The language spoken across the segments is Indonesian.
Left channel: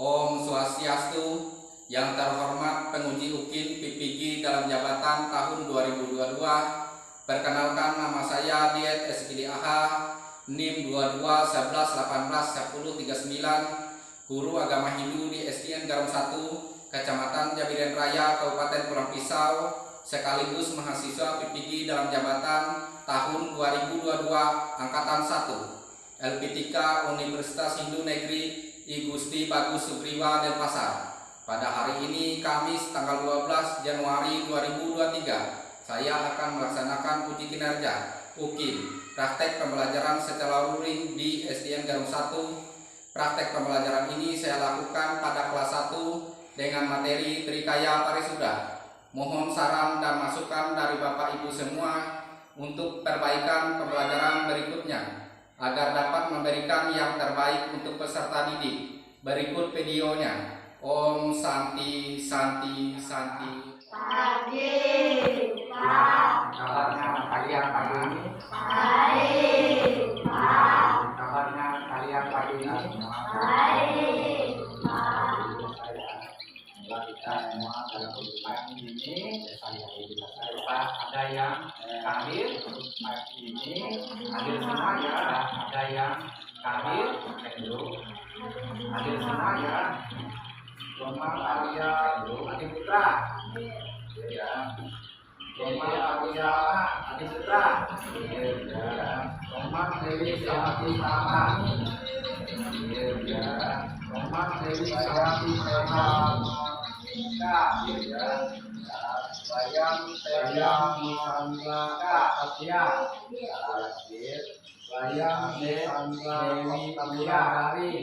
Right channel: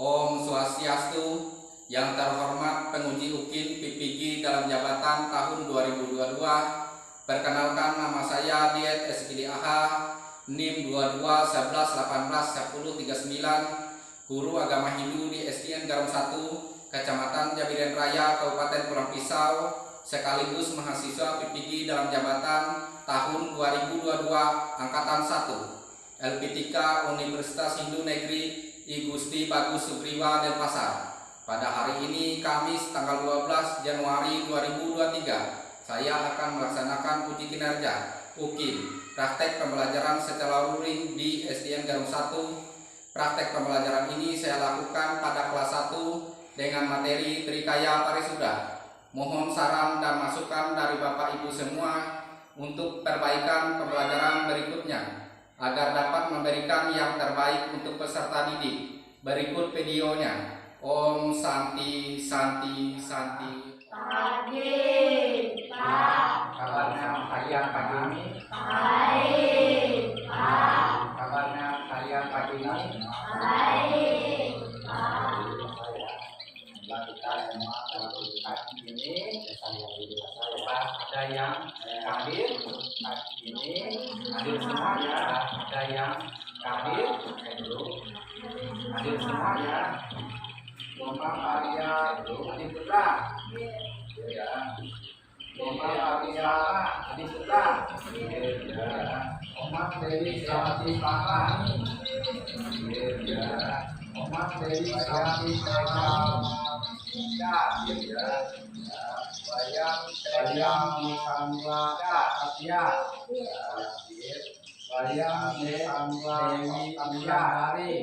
Om Swastiastu. Yang terhormat penguji UKIN PPG dalam jabatan tahun 2022. Perkenalkan, nama saya Diet SPDAH, NIM 2211181039, guru agama Hindu di SDN Garum 1, Kecamatan Jabiren Raya, Kabupaten Pulang Pisau, sekaligus mahasiswa PPG dalam jabatan tahun 2022 angkatan 1, LPTK Universitas Hindu Negeri I Gusti Bagus Sugriwa Denpasar. Pada hari ini Kamis tanggal 12 Januari 2023, saya akan melaksanakan uji kinerja UKIN praktek pembelajaran secara luring di SDN Garum 1. Praktek pembelajaran ini saya lakukan pada kelas 1 dengan materi Trikaya Parisuda. Mohon saran dan masukan dari Bapak Ibu semua untuk perbaikan pembelajaran berikutnya agar dapat memberikan yang terbaik untuk peserta didik. Berikut videonya. Om Santi Santi Santi. Pagi, Pak. Kabarnya kalian pagi ini? Baik, Pak. Kabarnya kalian pagi ini? Baik, Pak. Kita semua dalam pagi ini ada yang hadir pagi ini, hadir semua ya. Ada yang hadir, hadir semua ya. Lomba karya Adi Putra, ya. Lomba karya Adi Putra, ya. Lomba Dewi Sawati Sama, ya. Lomba Dewi Sawati Sama, ya. Bayang Nusantara Asia, Bayang Dewi Wulandari,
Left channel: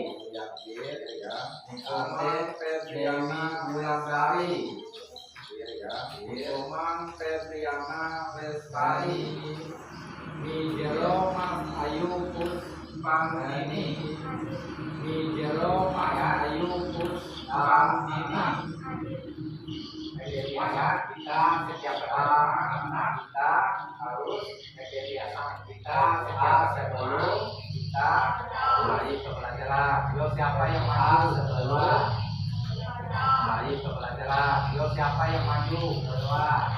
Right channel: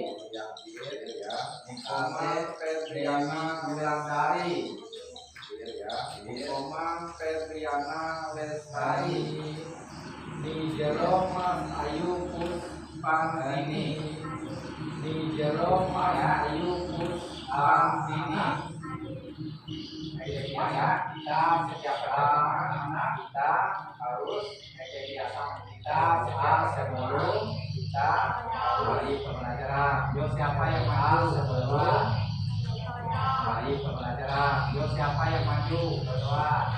Komang Febriana Wulandari, Komang Febriana Lestari, Nijero Mas Ayu Puspangdini, Nijero Mas Ayu Puspangdini. Ya, kita setiap anak kita harus kebiasaan kita sebelum kita mulai pembelajaran. Yo siapa yang maju sebelum mulai pembelajaran? Yo siapa yang maju berdua?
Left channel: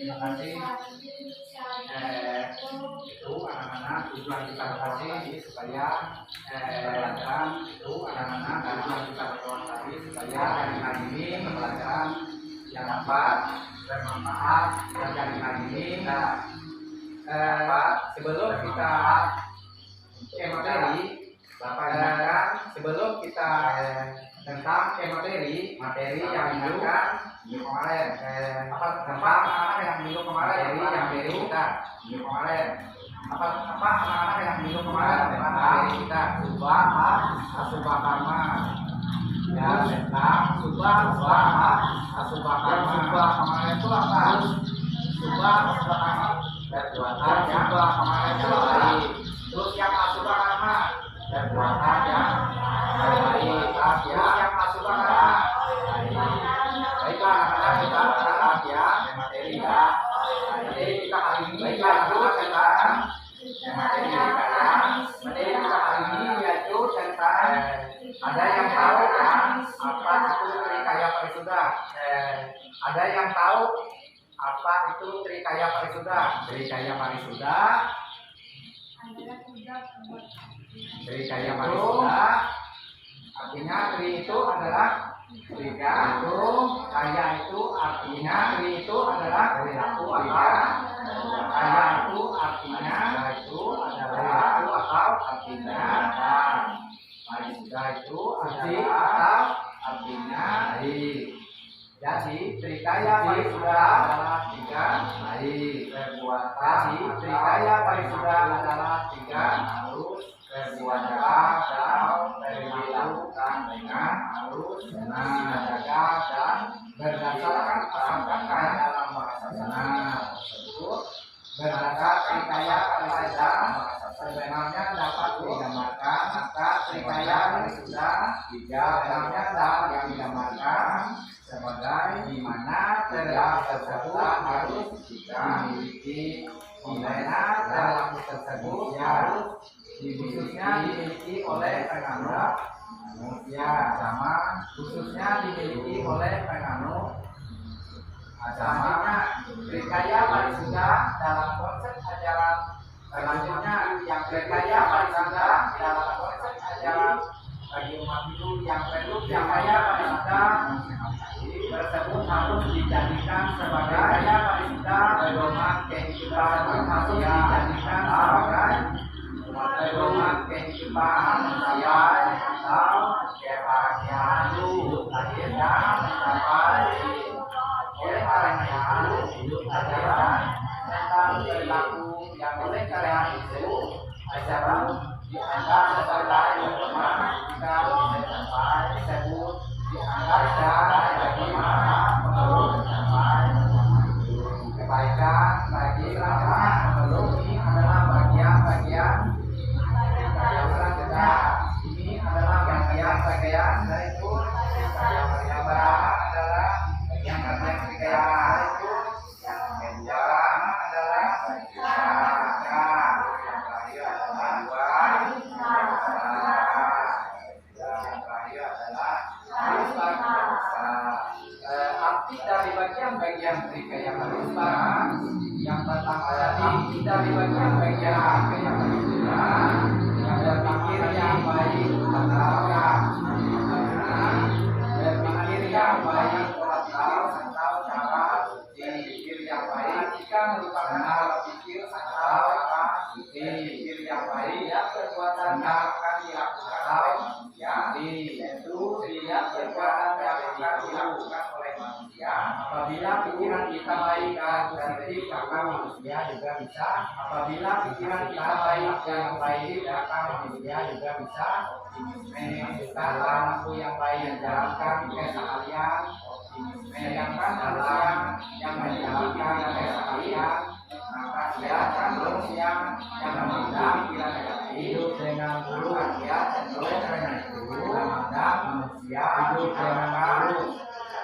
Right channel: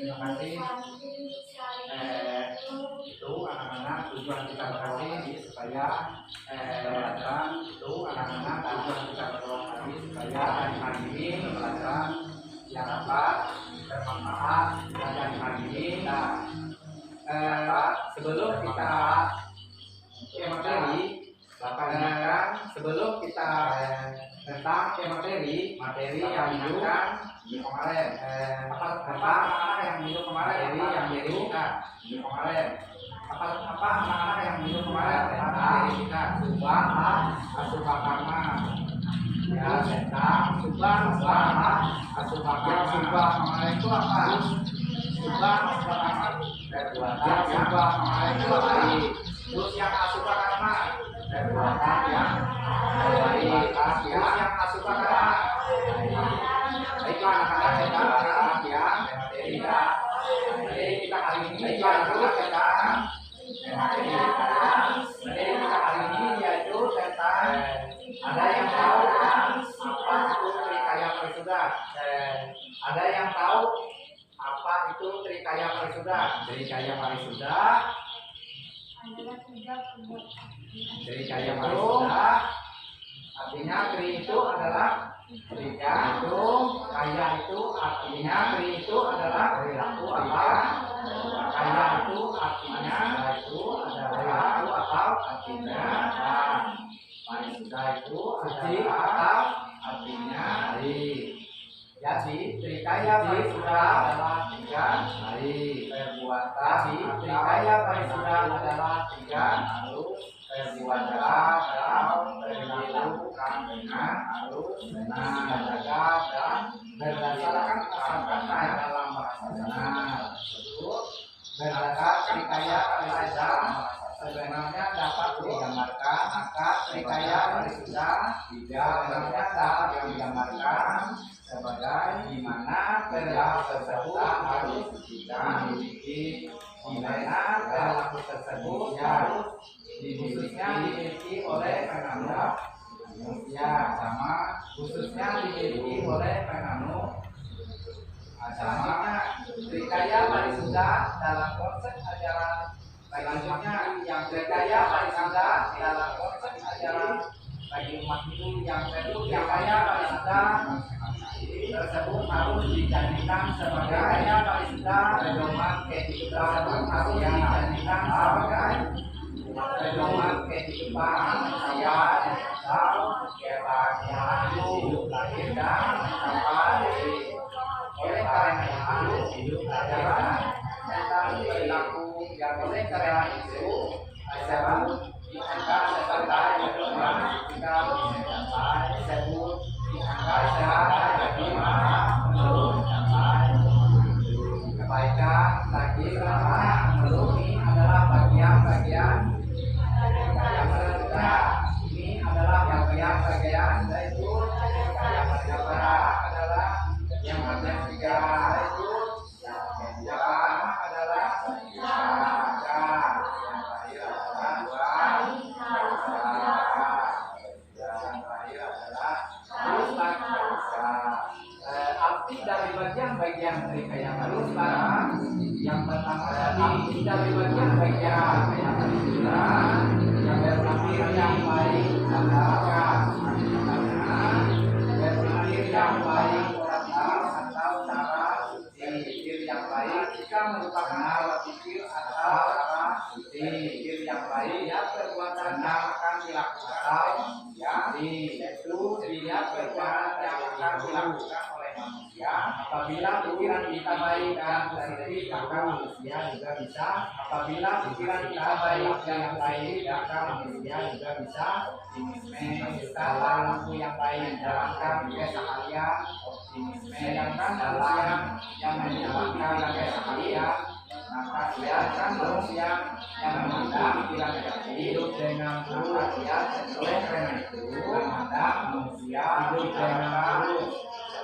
Terima kasih. Itu anak-anak tujuan kita tadi supaya pembelajaran itu anak-anak tujuan kita tadi supaya hari ini pembelajaran yang dapat bermanfaat dan dari hari ini. Sebelum kita ke materi, Bapak ingatkan sebelum kita tentang ke materi yang diingatkan minggu kemarin tentang anak-anak yang minggu kemarin yang baru minggu kemarin apa anak-anak yang minggu kemarin tentang kita subah asubah karma ya tentang subah asubah karma. Subah kemarin itu apa? Subah karma perbuatan yang kemarin itu baik. Terus yang asubah karma perbuatan yang baik. Terus yang asubah karma baiklah anak-anak kita sekarang ya materi ya. Materi kita hari ini baiklah anak-anak sekarang materi kita ya. Materi kita hari ini yaitu tentang ada yang tahu kan apa itu trikaya parisuda? Ada yang tahu apa itu trikaya parisuda? Trikaya parisuda artinya tri itu adalah tiga itu kaya itu artinya tri itu adalah perilaku atau kaya itu artinya itu adalah perilaku atau artinya parisuda itu adalah artinya baik. Jadi trikaya parisuda adalah tiga baik perbuatan. Jadi trikaya parisuda adalah tiga harus perbuatan atau perilakukan dengan harus menjaga dan berdasarkan asal kata dalam bahasa benar tersebut. Berdasar trikaya parisuda sebenarnya dapat digambarkan maka trikaya parisuda sebenarnya dapat digambarkan sebagai di mana perilaku tersebut harus dimiliki, di mana perilaku tersebut harus khususnya dimiliki oleh penganut manusia sama khususnya dimiliki oleh penganut agamanya. Trikaya parisuda dalam konsep ajaran selanjutnya yang trikaya parisuda dalam konsep ajaran bagi umat Hindu yang perlu trikaya parisuda tersebut harus dijadikan sebagai trikaya parisuda pedoman kehidupan manusia, dijadikan sebagai pedoman kehidupan manusia atau kebahagiaan hidup lahir dan mencapai. Oleh karena itu hidup ajaran tentang perilaku yang oleh karena itu ajaran dianggap sebagai pedoman kita mencapai tersebut dianggap sebagai bagaimana menurut mencapai kebaikan bagi selanjutnya. Menurut ini adalah bagian-bagian yang selanjutnya. Ini adalah bagian-bagian yaitu yang pertama adalah bagian-bagian tiga yaitu yang kedua adalah bagian yang terakhir adalah yang terakhir adalah arti dari bagian-bagian trikaya parisuda yang pertama arti dari bagian-bagian trikaya parisuda yang berpikir yang baik adalah berpikir yang baik atau cara suci. Pikir yang baik jika merupakan pikir atau cara suci. Pikir yang baik ya perbuatan yang akan dilakukan ya yaitu dia perbuatan yang akan dilakukan oleh manusia. Apabila pikiran kita baik dan positif maka manusia juga bisa. Apabila pikiran kita baik dan baik maka manusia juga bisa optimisme dalam yang baik menjalankan keseharian optimisme. Sedangkan manusia yang menjalankan keseharian maka dia akan manusia yang memandang pikiran negatif hidup dengan buruk. Dia cenderung karena itu memandang manusia hidup dengan buruk.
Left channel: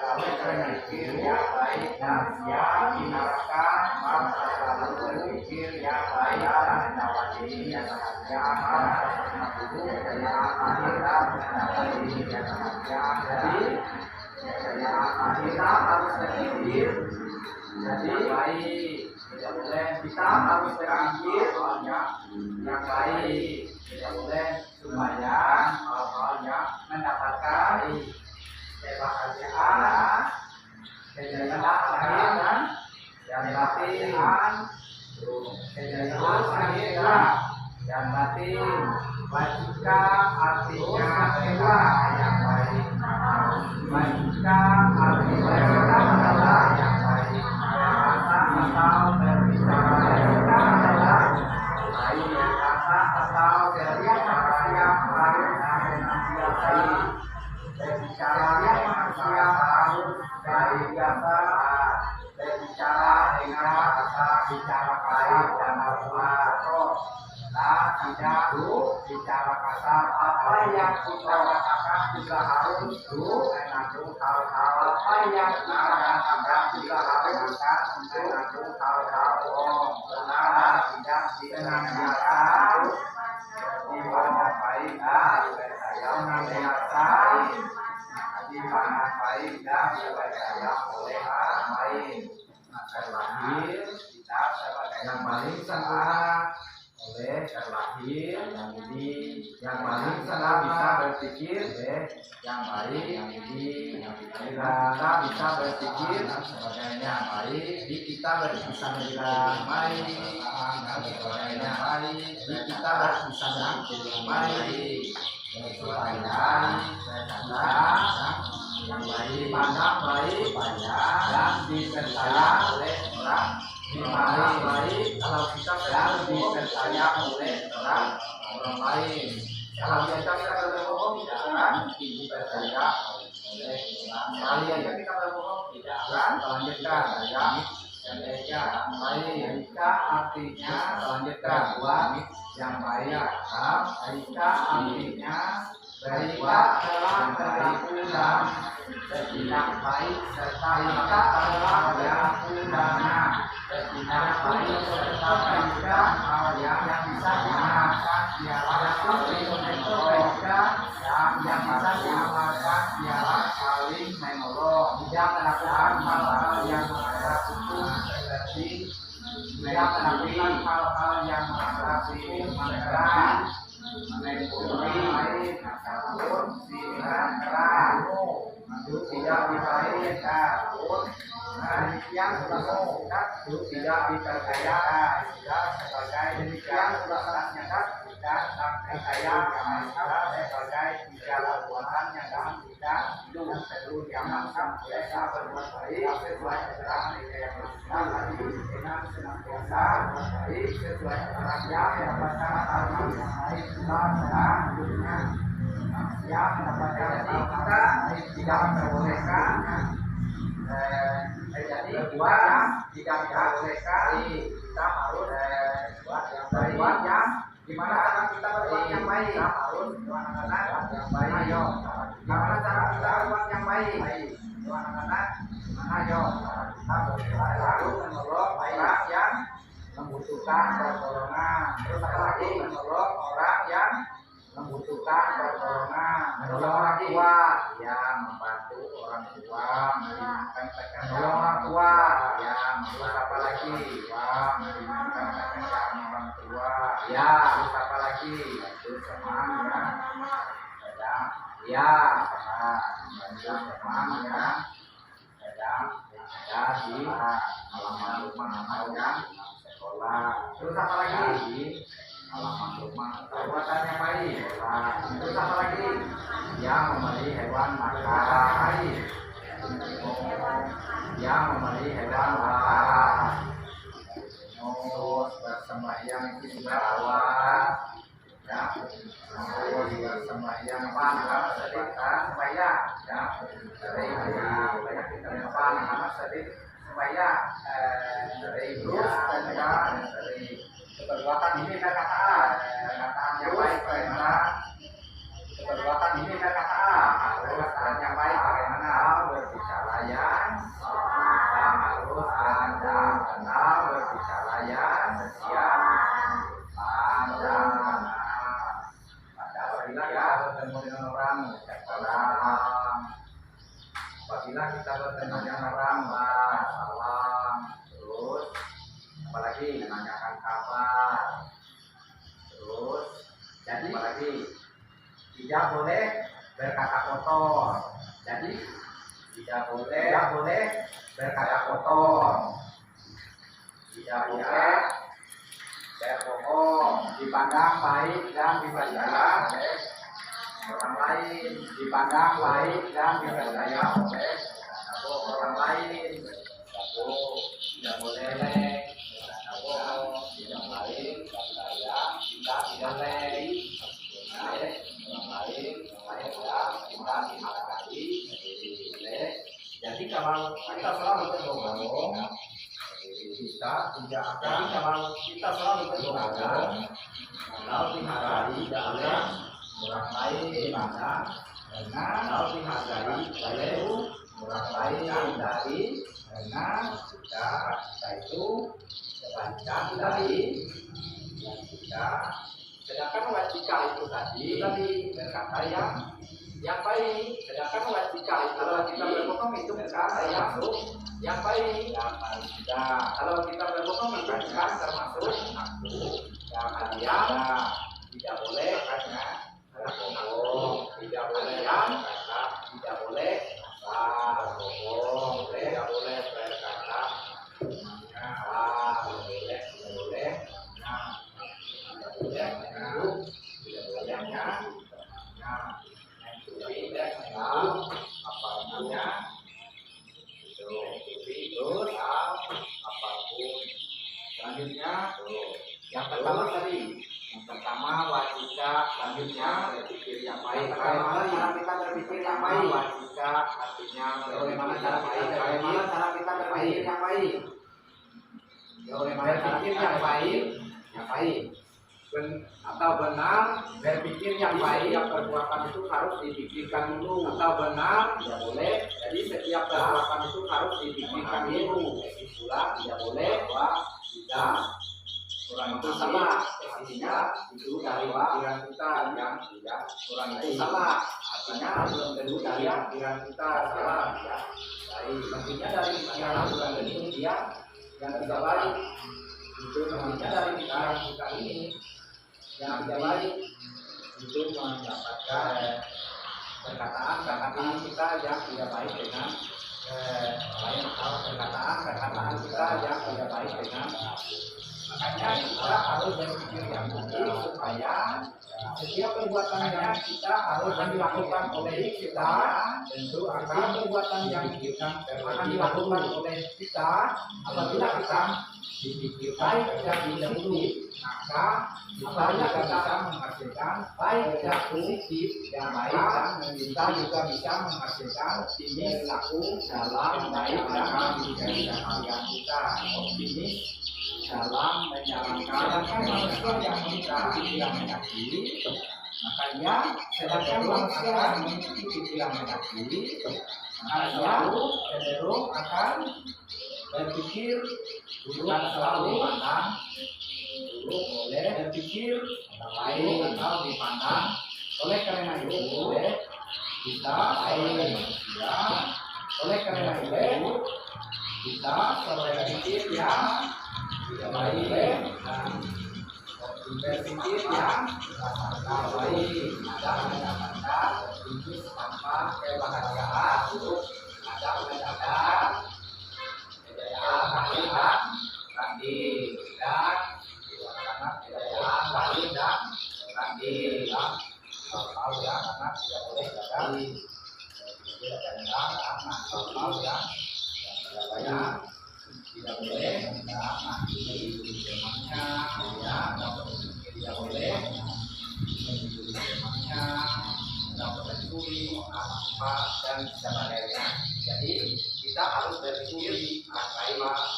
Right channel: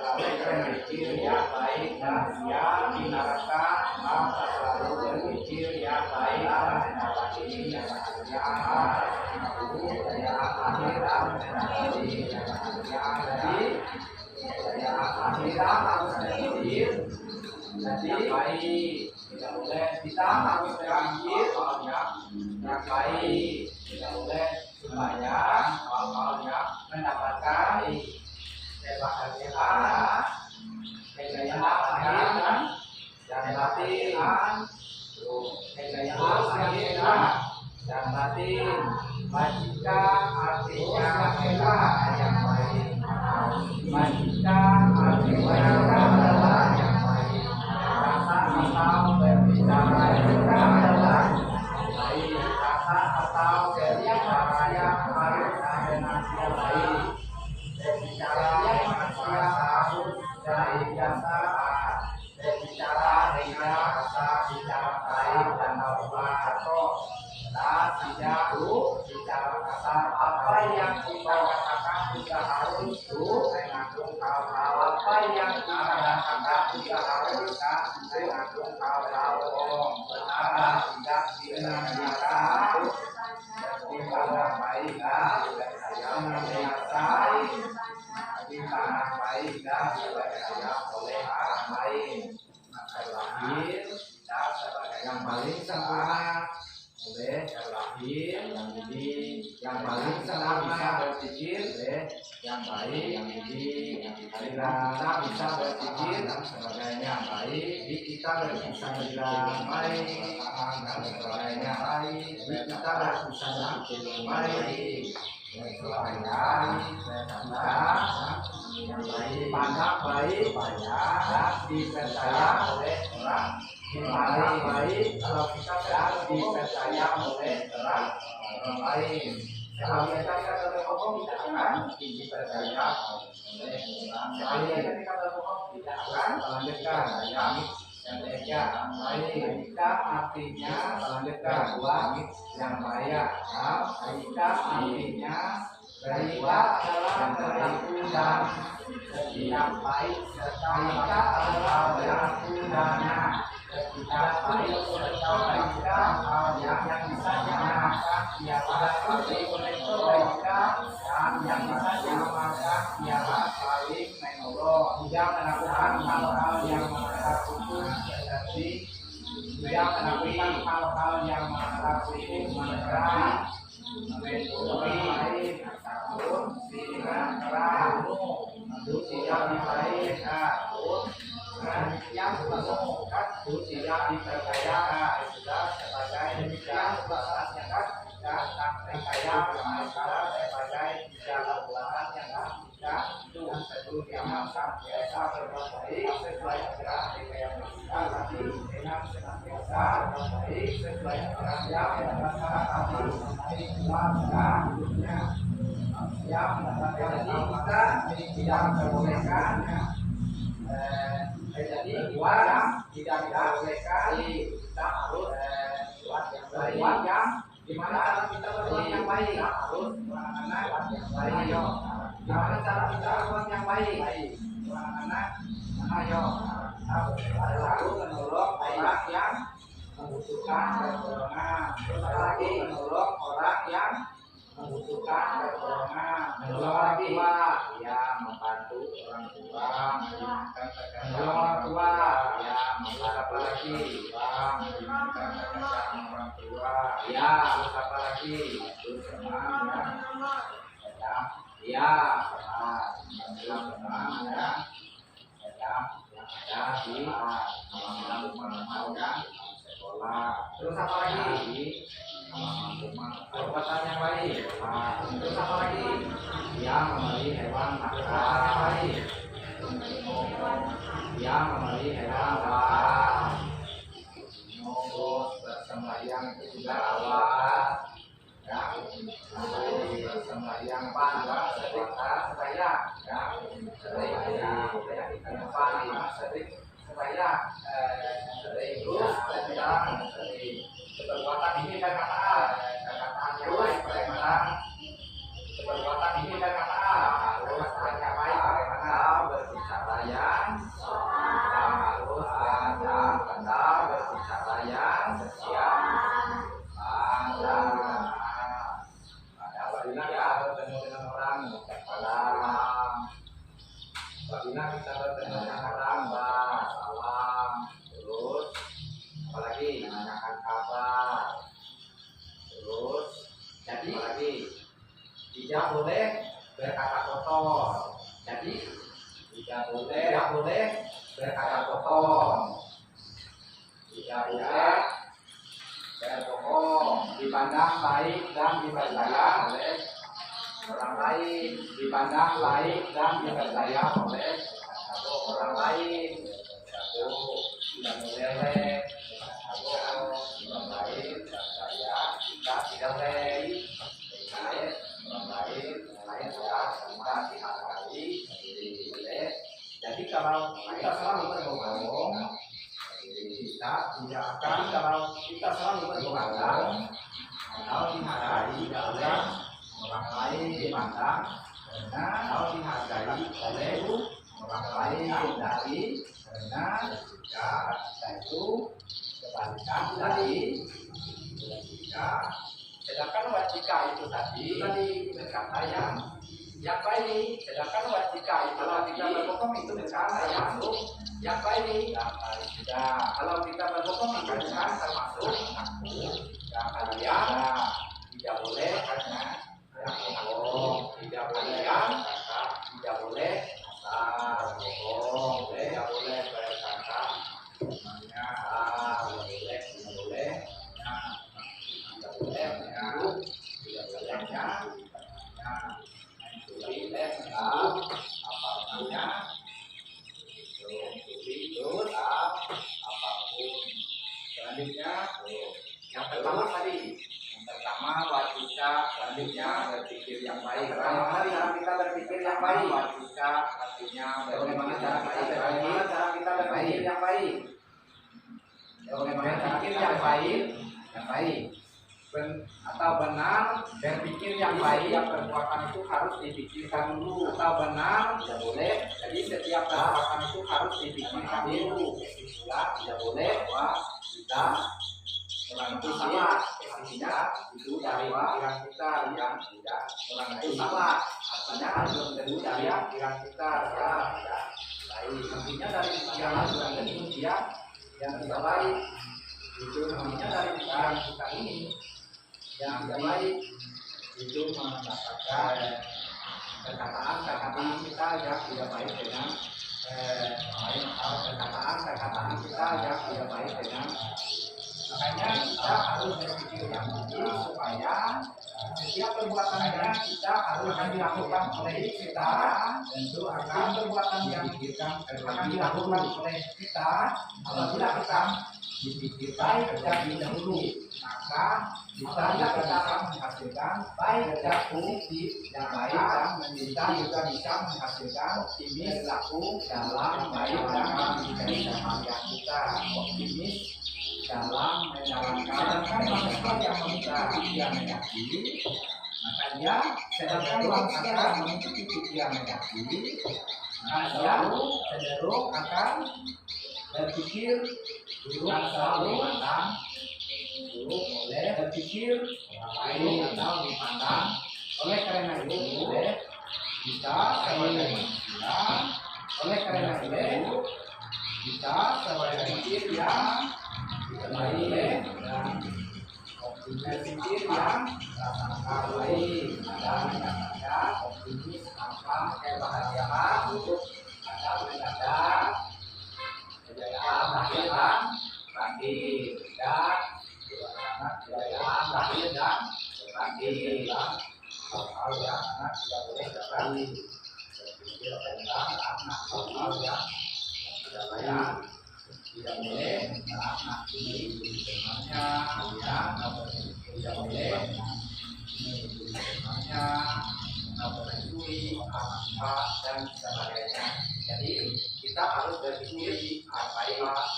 Oleh karena itu yang baik dan dia hindarkan maka selalu berpikir yang baik dan mendapati yang bahagia dulu kejayaan akhirat mendapati yang bahagia. Jadi kejayaan akhirat harus berpikir Jadi baik, tidak boleh kita harus berpikir yang baik, tidak boleh supaya hal-hal yang mendapatkan kebahagiaan, kejayaan lahir dan batin, kejayaan lahir dan batin. Bajika artinya adalah yang baik. Bajika artinya adalah yang baik. Kata atau berbicara adalah baik. Kata atau berbicara yang harus dengan yang baik. Berbicara manusia harus dari biasa. Berbicara dengan kata bicara baik dan berbicara tidak bicara kasar. Apa yang kita katakan juga harus mengandung hal-hal. Apa yang kita katakan juga harus mengandung hal-hal bohong, benar, tidak disenantiasa dipandang baik dan senantiasa dipandang baik dan dipercaya oleh orang lain. Maka lahir kita sebagai yang paling sempurna oleh terlahir yang ini yang paling senang bisa berpikir yang baik yang ini yang kita bisa berpikir sebagainya baik di kita bisa berpikir yang baik dan sebagainya baik di kita bisa berpikir yang baik supaya yang baik dipandang baik dan dipercaya oleh orang dipandang baik kalau kita sedang dipercaya oleh orang lain. Kalau kita berbohong tidak akan dipercaya oleh orang lain. Kalau kita berbohong tidak akan melanjutkan yang ketiga baik. Jika artinya melanjutkan buat yang baik. Jika artinya baiklah adalah perilaku dan bertindak baik serta jika adalah perilaku dannya. Tidak baik serta baiknya yang bisa diamalkan ialah dan yang bisa diamalkan ialah saling menolong. Tidak melakukan hal-hal yang melanggar hukum seperti tidak melakukan hal-hal yang melanggar hukum menyerang, mencuri, ataupun sinar keras, tidak dibaik, takut, yang penuh tidak dipercaya tidak sebagai demikian sudah saatnya tidak percaya masalah sebagai segala perbuatan yang tidak dan perlu diamalkan mereka berbuat baik sesuai aturan yang tadi dengan senantiasa baik sesuai aturan yang mendapatkan hal yang baik dalam hidupnya yang mendapatkan kita tidak memperbolehkan jadi buat yang tidak diperbolehkan kita harus buat yang gimana cara kita berbuat yang baik harus anak-anak yang baik gimana cara kita berbuat yang baik anak-anak ayo lalu menolong orang yang membutuhkan pertolongan terus apa lagi menolong orang yang membutuhkan pertolongan menolong orang tua yang membantu orang tua menolong orang tua yang terus apa lagi meringankan pekerjaan orang tua ya terus apa lagi terus teman yang sedang ya membantu teman yang sedang ada di halaman rumah atau yang sekolah terus apa lagi halaman rumah perbuatan yang baik terus apa lagi yang memberi hewan makan yang memberi hewan makan terus bersembahyang itu juga awal ya terus bersembahyang apa sedekah sembahyang ya supaya kita depan nama sedekah sembahyang terus dan perbuatan ini perkataan yang baik bagaimana perbuatan ini perkataan perkataan yang baik bagaimana berbicara yang harus ada berbicara yang siap apabila kita bertemu dengan orang mengucap salam apabila kita bertemu dengan orang salam kabar. Terus jadi apa lagi? Tidak boleh berkata kotor. Jadi tidak boleh berkata kotor. Tidak boleh berbohong. Dipandang baik dan dipercaya oleh orang lain. Dipandang baik dan dipercaya oleh orang lain. Tidak boleh orang lain percaya kita tidak boleh orang lain ya kita dihargai boleh. Jadi kalau kita selalu berbohong kita tidak akan. Kalau kita selalu berbohong kalau dihargai oleh orang lain dipandang kalau dihargai oleh orang lain dari karena kita itu kebalikan dari wajika. Sedangkan wajika itu tadi berkata yang baik. Sedangkan wajika itu kalau kita berbohong itu berkata yang baik. Kalau kita berbohong itu bukan termasuk yang tidak boleh karena berbohong. Tidak boleh tidak boleh bohong. Tidak boleh berkata tidak boleh apa namanya terus apapun. Selanjutnya yang pertama wajika. Selanjutnya berpikir yang baik. Bagaimana cara kita berpikir yang baik? Wajika artinya bagaimana cara kita berpikir yang baik. Bagaimana berpikir yang baik atau benar. Berpikir yang baik, yang perbuatan itu harus dipikirkan dulu. Atau benar tidak boleh. Jadi setiap perbuatan itu harus dipikirkan dulu. Pula tidak boleh bahwa kita orang itu salah. Artinya itu dari pikiran kita yang tidak. Orang itu salah. Artinya belum tentu dari pikiran kita yang tidak baik. Artinya dari pikiran bukan tentu dia yang tidak baik. Itu artinya dari pikiran kita ini yang tidak baik itu mendapatkan perkataan kita yang tidak baik dengan perkataan kita yang tidak baik dengan. Makanya kita harus berpikir yang baik supaya setiap perbuatan yang kita harus dilakukan oleh kita tentu akan perbuatan yang akan dilakukan oleh kita apabila kita dipikirkan terlebih dahulu maka kita bisa menghasilkan baik dan positif yang baik dan kita juga bisa menghasilkan optimis laku dalam baik dalam yang kita optimis dalam menjalankan manusia yang memiliki pikiran negatif. Makanya sedangkan manusia yang memiliki pikiran negatif maka ia cenderung akan berpikir buruk selalu dipandang buruk oleh berpikir orang lain atau dipandang. Oleh karena itu kita sebagai manusia oleh karena itu kita sebagai pikir yang baik dan berpikir yang baik ada mendapatkan optimis tanpa kebahagiaan untuk ada mendapat kejayaan lahir dan batin dan kejayaan lahir dan batin hal-hal yang anak tidak boleh terjadi berpikir tentang hal-hal yang tidak baik tidak boleh menghakimi temannya ya atau tidak boleh mengikuti temannya atau mencuri apa dan sebagainya. Jadi kita harus berpikir apa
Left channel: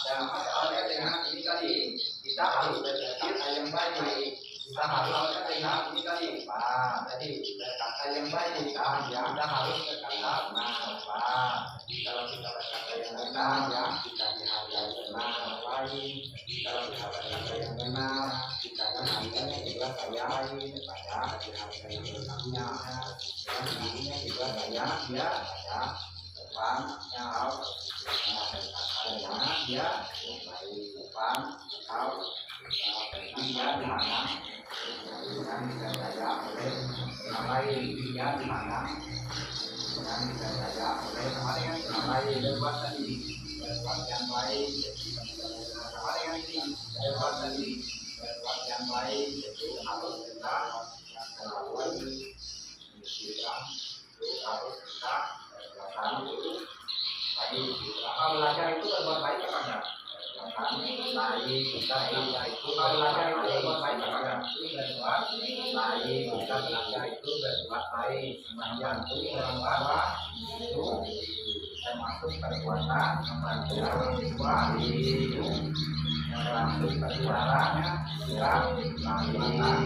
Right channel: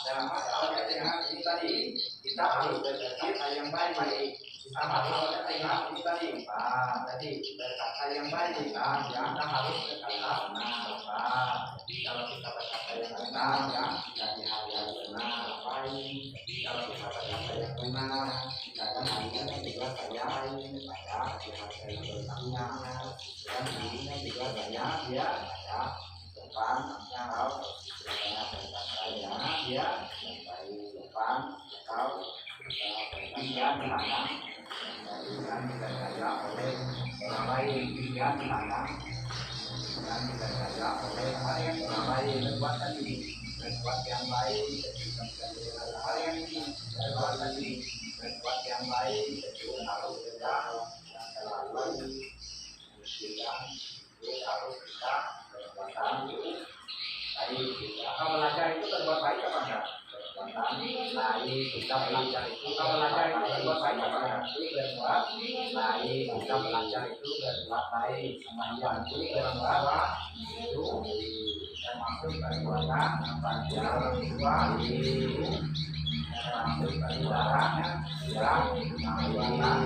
dan sebagainya. Ini tadi kita harus berpikir yang baik. Kita harus berpikir ini tadi tadi berkata yang baik yang kita harus berkata kalau kita berkata yang benar yang kita dihargai benar lain. Kalau kita berkata yang benar kita akan harganya juga saya lain pada dihargai benarnya dan dirinya juga saya dia ada depannya atau berkata dia yang baik depan atau Tiga dihadang dengan didaya oleh orang lain. Tiga dihadang dengan didaya oleh orang lain. Berbuat tadi, berbuat yang baik. Sama dengan ini, berbuat tadi, berbuat yang baik itu harus kita yang selalu sidang itu harus kita perbuatan itu baik. Apa belajar itu berbuat baik apa enggak? Perbuatan baik. Kita belajar itu belajar itu berbuat baik apa enggak? Berbuat baik. Kita belajar itu berbuat baik. Sembahyang itu berbuat itu termasuk perbuatan membantu orang tua itu termasuk perbuatannya yang perbuatan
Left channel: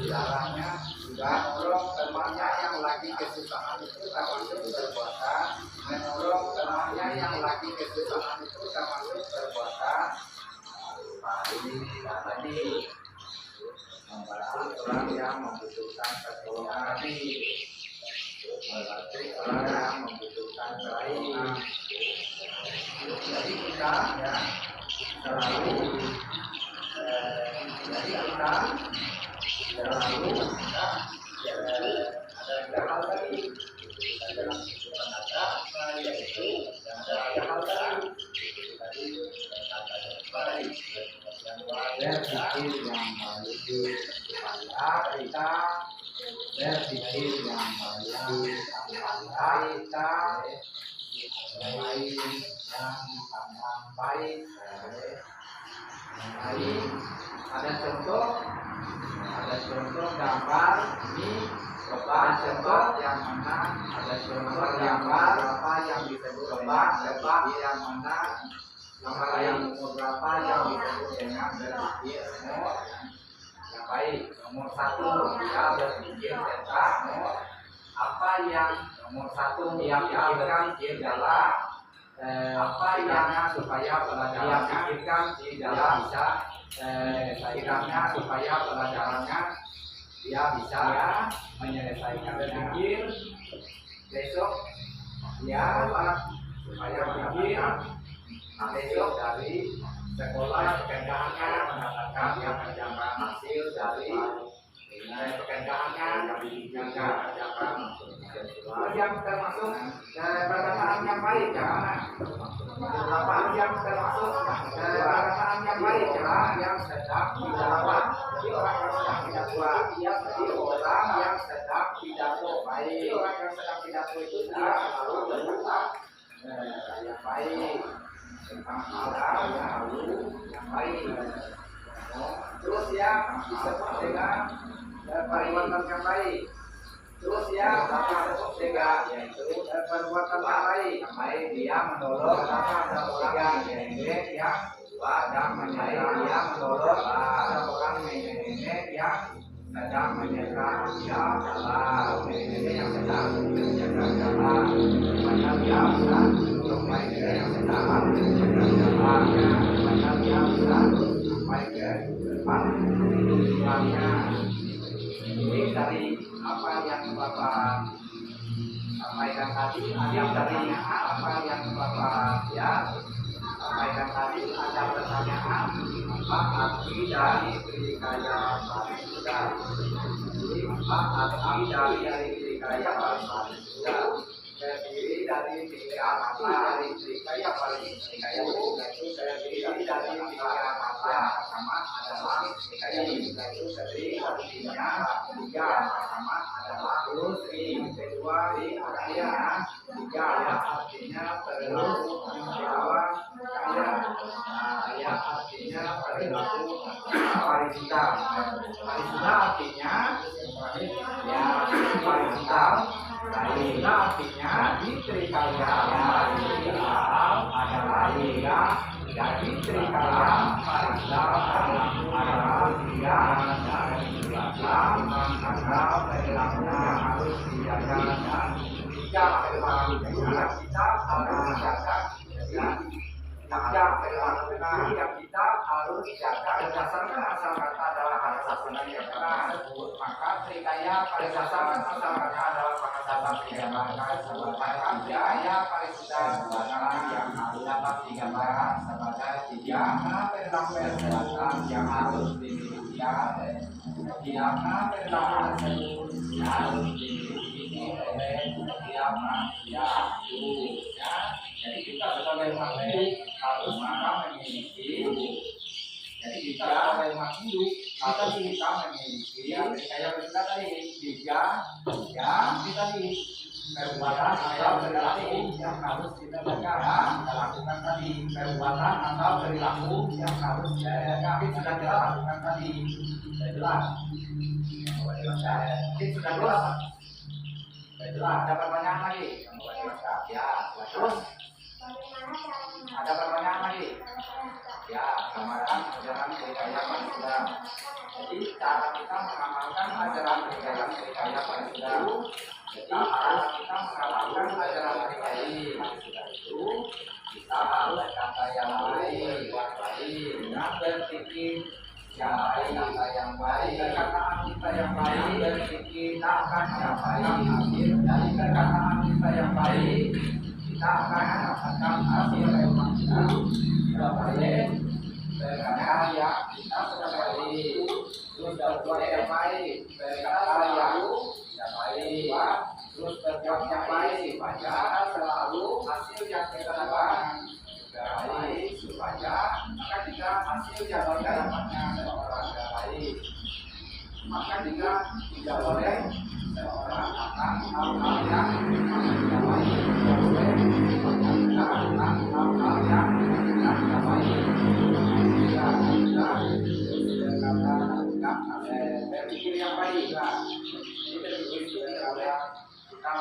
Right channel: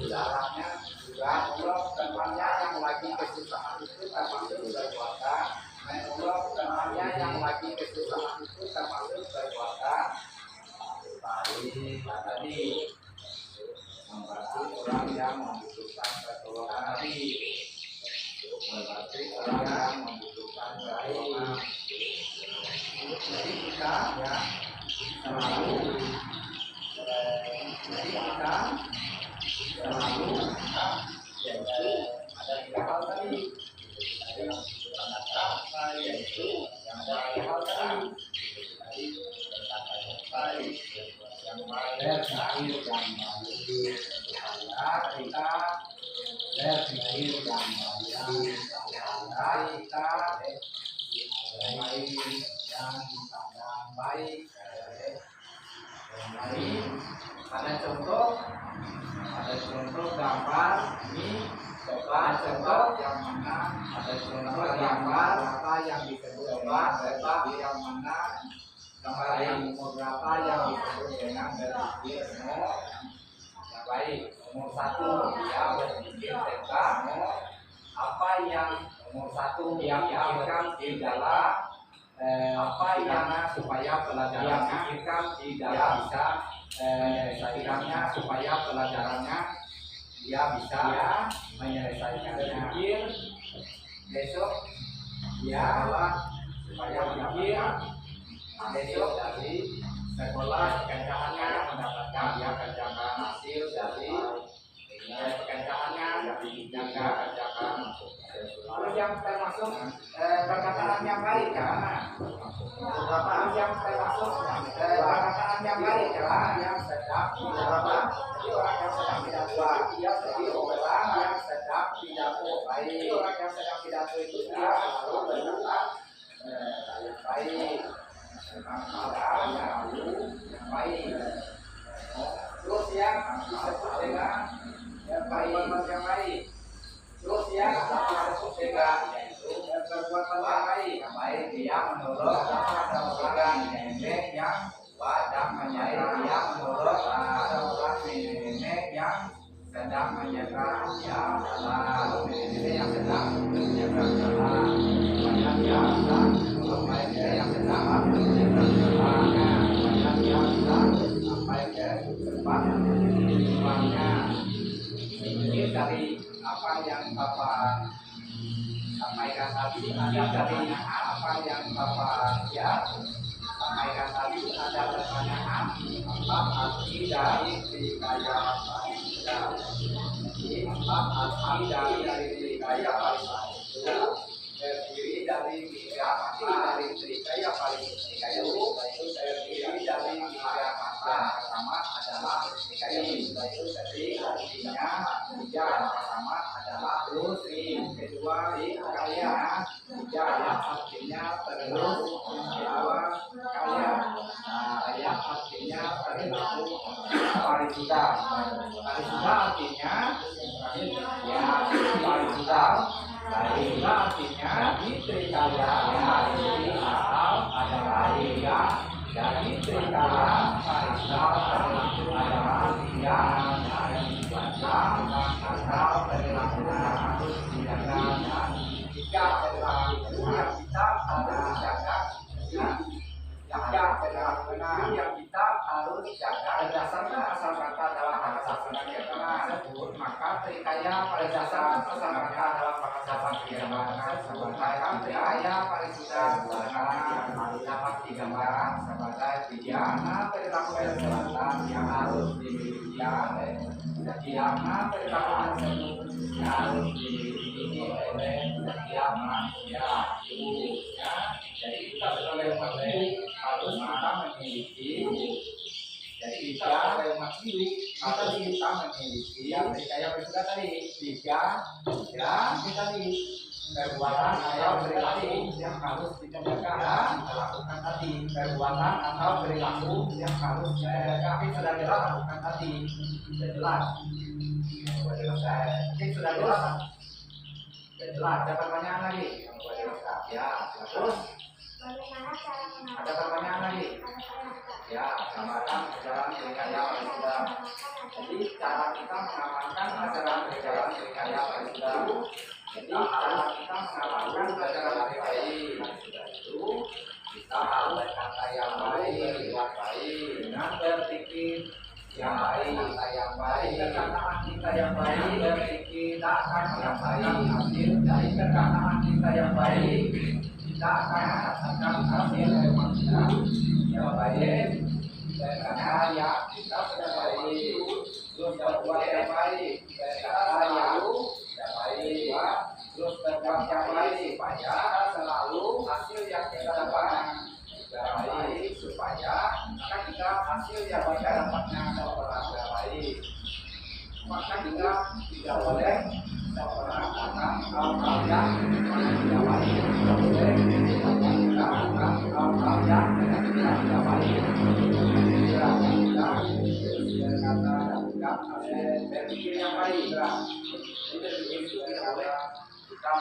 saudaranya juga menolong temannya yang lagi kesusahan itu termasuk perbuatan menolong temannya yang lagi kesusahan itu termasuk perbuatan baik. Tadi membantu orang yang membutuhkan pertolongan tadi membantu orang yang membutuhkan pertolongan. Jadi kita ya selalu ada tiga hal tadi dalam kehidupan kita yaitu ada tiga hal tadi baik yang baik berpikir yang baik supaya kita berpikir yang baik supaya kita baik yang dipandang baik. Ada contoh gambar ini coba contoh yang mana ada contoh gambar apa yang disebut sebab yang mana gambar yang berapa yang disebut dengan berpikir yang baik. Nomor satu dia berpikir tentang apa yang nomor satu dia pikirkan adalah apa yang supaya pelajarannya pikirkan tidak bisa setidaknya supaya pelajarannya dia bisa menyelesaikannya. Pikir besok dia supaya pikir besok dari sekolah pekerjaannya mendapatkan dia kerjakan hasil dari pekerjaannya kerjakan yang termasuk perkataan yang baik ya. Beberapa yang termasuk perkataan yang baik ya yang sedang pidato. Jadi orang yang sedang pidato dia jadi orang yang sedang pidato baik. Orang yang sedang pidato itu dia selalu berkata yang baik tentang hal yang baik. Terus ya disebut dengan perbuatan yang baik. Terus ya disebut dengan yaitu perbuatan yang baik dia menolong ada orang nenek yang sedang menyerang dia menolong ada orang nenek yang sedang menyerang ya Allah nenek yang sedang menyerang jalan banyak yang menolong mereka yang sedang menyerang jalannya banyak yang sampai ke depan tujuannya. Ini dari apa yang Bapak sampaikan tadi, dari apa yang Bapak sampaikan tadi ada pertanyaan apa arti dari Trikaya Parisudha? Apa arti dari Trikaya Parisudha? Terdiri dari tiga kata dari Trikaya Parisudha itu terdiri dari tiga kata. Pertama adalah Trikaya Parisudha itu terdiri artinya tiga. Pertama adalah terus, kedua kaya, tiga ya artinya terus, yang kedua kaya. Kaya artinya perilaku Parisudha. Parisudha artinya ya Parisudha. Parisudha artinya di Trikaya Parisudha adalah tiga. Jadi Trikaya Parisudha adalah tiga dari belakang ada perilaku yang harus dijaga dan tiga perilaku yang kita harus jaga. Tiga perilaku yang kita harus jaga berdasarkan asal kata dalam bahasa Sunda yang pernah disebut. Maka Trikaya berdasarkan asal kata dalam bahasa Sunda maka Trikaya Parisudha dalam yang dapat digambarkan sebagai tiga perilaku kesehatan yang harus dimiliki setiap perilaku tersebut harus dimiliki oleh setiap manusia ya. Jadi kita sebagai makhluk harus memiliki. Jadi kita sebagai makhluk harus kita memiliki kayak sudah tadi tiga ya kita di perbuatan atau perilaku yang harus kita lakukan tadi perbuatan atau perilaku yang harus kita sudah kita lakukan tadi sudah jelas sudah jelas ada pertanyaan lagi ya terus ada pertanyaan lagi ya gambaran ajaran Brigaya Pancasila. Jadi cara kita mengamalkan ajaran Brigaya Pancasila. Jadi cara kita mengamalkan ajaran Brigaya itu kita harus kata yang baik, dengan berpikir yang baik, perkataan kita yang baik, berpikir akan mendapatkan hasil dari perkataan kita yang baik. Kita akan mendapatkan hasil yang baik. Berkata ya kita sudah baik, terus berbuat yang baik, berkata yang tidak baik, terus berbuat yang baik supaya selalu hasil yang kita dapatkan yang baik supaya maka jika hasil yang kita dapatnya seorang yang baik maka juga tidak boleh seorang akan hal-hal yang tidak baik, tidak boleh kita akan hal-hal yang tidak baik. Berpikir yang baik juga. Jadi berpikir itu tidak boleh kita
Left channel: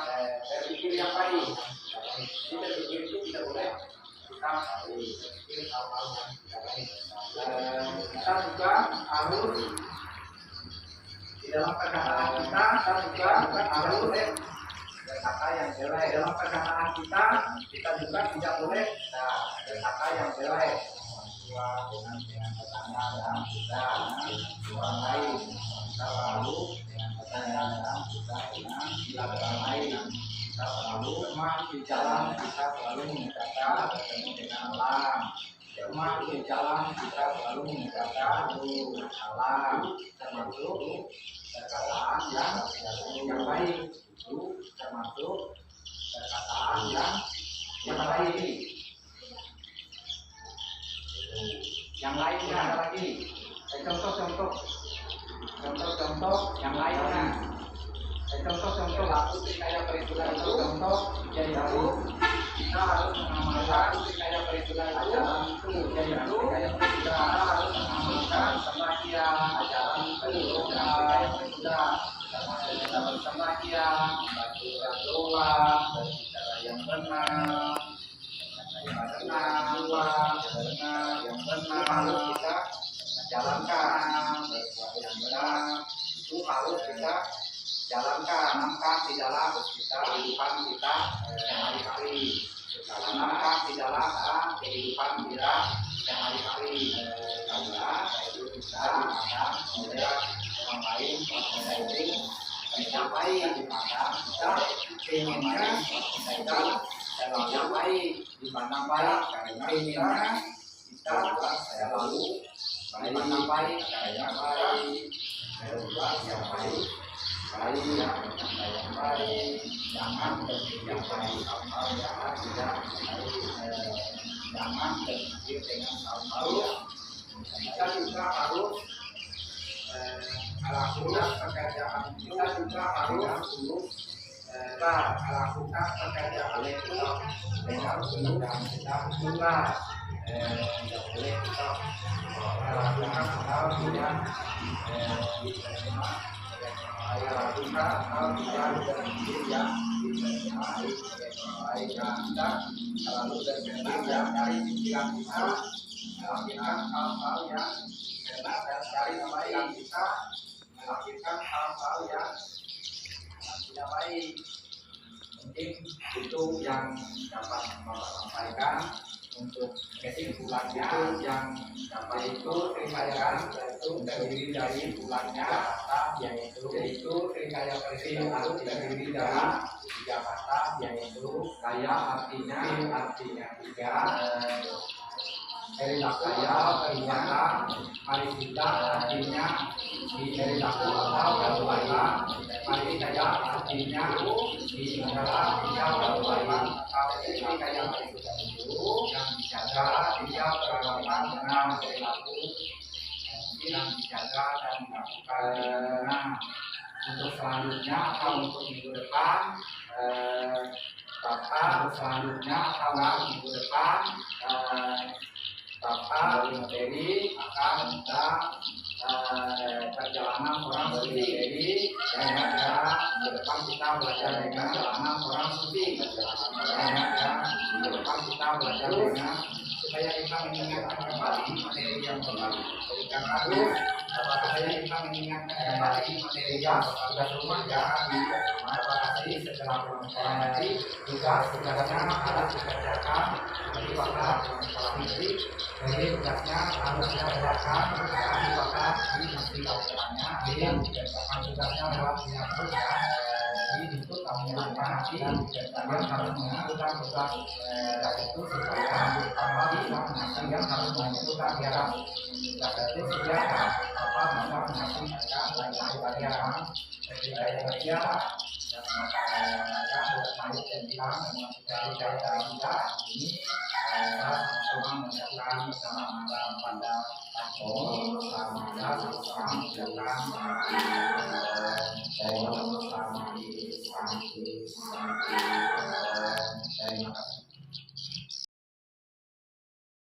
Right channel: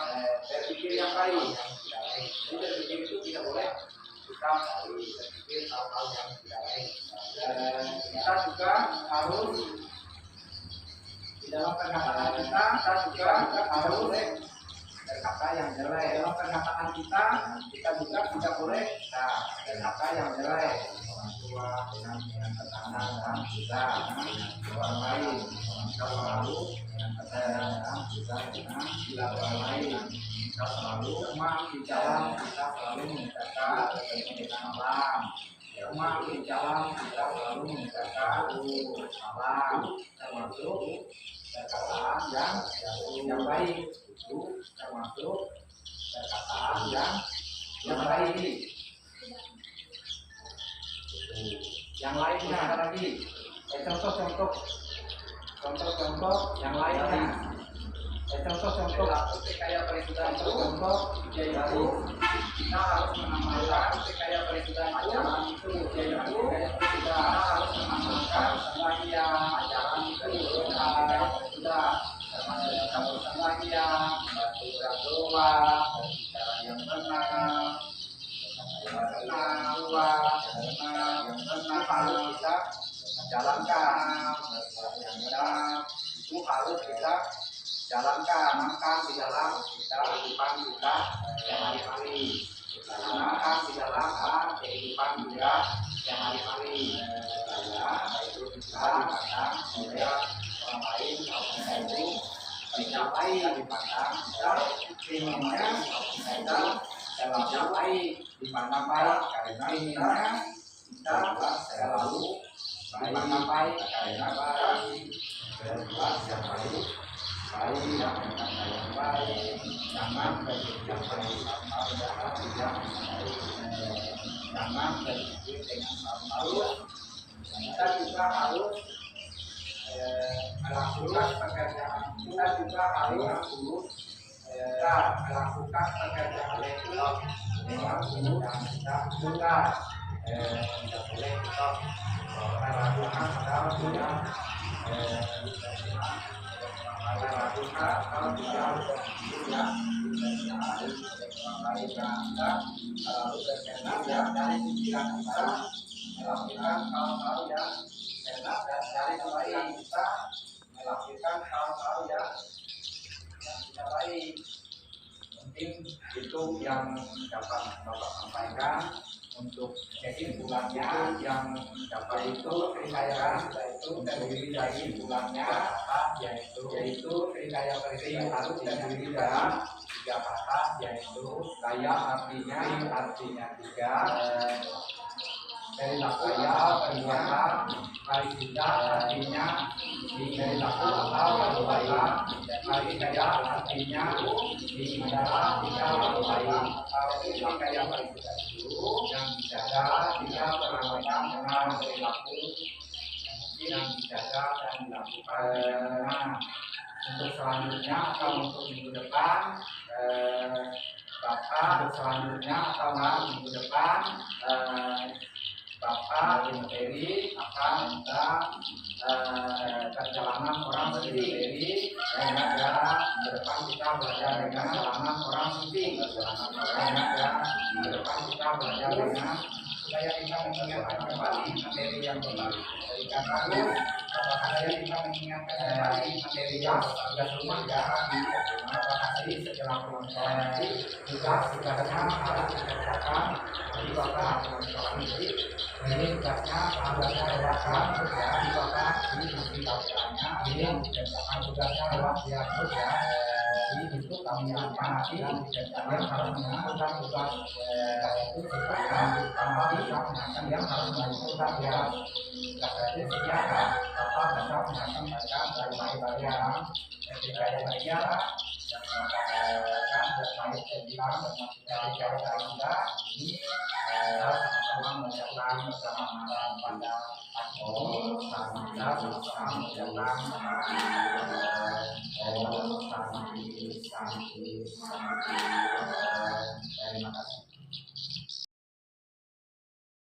berpikir yang baik. Jadi berpikir itu tidak boleh kita berpikir hal-hal yang tidak baik. Kita juga harus di dalam perkataan kita juga harus berkata yang jelek. Dalam perkataan kita juga tidak boleh berkata yang jelek. Tua dengan tetangga dan juga orang lain. Kita selalu dengan tetangga dan juga dengan orang lain. Kita selalu di jalan kita selalu mengucapkan bertemu dengan alam. Di jalan kita selalu mengucapkan salam termasuk perkataan yang baik itu termasuk perkataan yang baik. Yang lainnya ada lagi contoh-contoh yang lainnya contoh-contoh kayak perhitungan contoh yaitu kita harus mengamalkan kayak perhitungan ajaran itu yaitu kita harus mengamalkan sembahyang ajaran itu kayak perhitungan termasuk kita bersembahyang berdoa berbicara yang benar yang benar harus kita jalankan yang benar itu harus kita jalankan di dalam kehidupan kita yang hari-hari tanamkan di dalam kehidupan kita yang hari-hari yaitu kita akan oleh orang lain yaitu kita baik dipandang kita inginnya kita selalu baik dipandang baik karena kita selalu dipandang baik karena baik berbuat yang baik berkata yang baik jangan berpikir yang baik hal-hal yang tidak baik jangan berpikir dengan hal-hal yang kita juga harus melakukan pekerjaan kita juga harus kita melakukan pekerjaan itu dengan pekerjaan kita juga tidak boleh kita melakukan hal yang melakukan hal yang berpikir yang lain kita selalu berpikir dari pikiran kita melakukan hal-hal yang enak dan dari pikiran kita melakukan hal-hal yang tidak baik. Mungkin itu yang dapat Bapak sampaikan untuk bulannya yang yaitu Trikaya itu terdiri dari bulannya yaitu Trikaya Periksa itu terdiri dari 3 kata yaitu kaya artinya tiga, Kaya artinya Parisita artinya diberitahu atau kebaikan, Kaya artinya dibicara atau kebaikan. Kalau Kaya Parisita itu yang dijaga tidak perlakukan dengan perilaku yang dijaga dan dilakukan dengan. Untuk selanjutnya atau untuk minggu depan Bapak selanjutnya atau minggu depan Bapak materi akan kita perjalanan orang materi dan ya ke depan kita belajar dengan perjalanan orang suci ya ke depan kita belajar dengan supaya kita mengingatkan kembali materi yang baru dari kata apakah saya kita mengingatkan kembali materi yang sudah rumah ya apakah tadi setelah pulang nanti tugasnya harus dikerjakan jadi apakah sekolah nanti jadi tugasnya adalah ya apakah di mesti pelajarannya jadi dikerjakan tugasnya adalah ya jadi itu kami nanti dikerjakan harus menentukan tugas itu supaya kami bisa menentukan yang harus menentukan ya itu siapa apa bisa menentukan dari ketika yang dan mengatakan berkait tentang dari kita ini sama-sama mengucapkan bersama pada sama-sama mengucapkan santi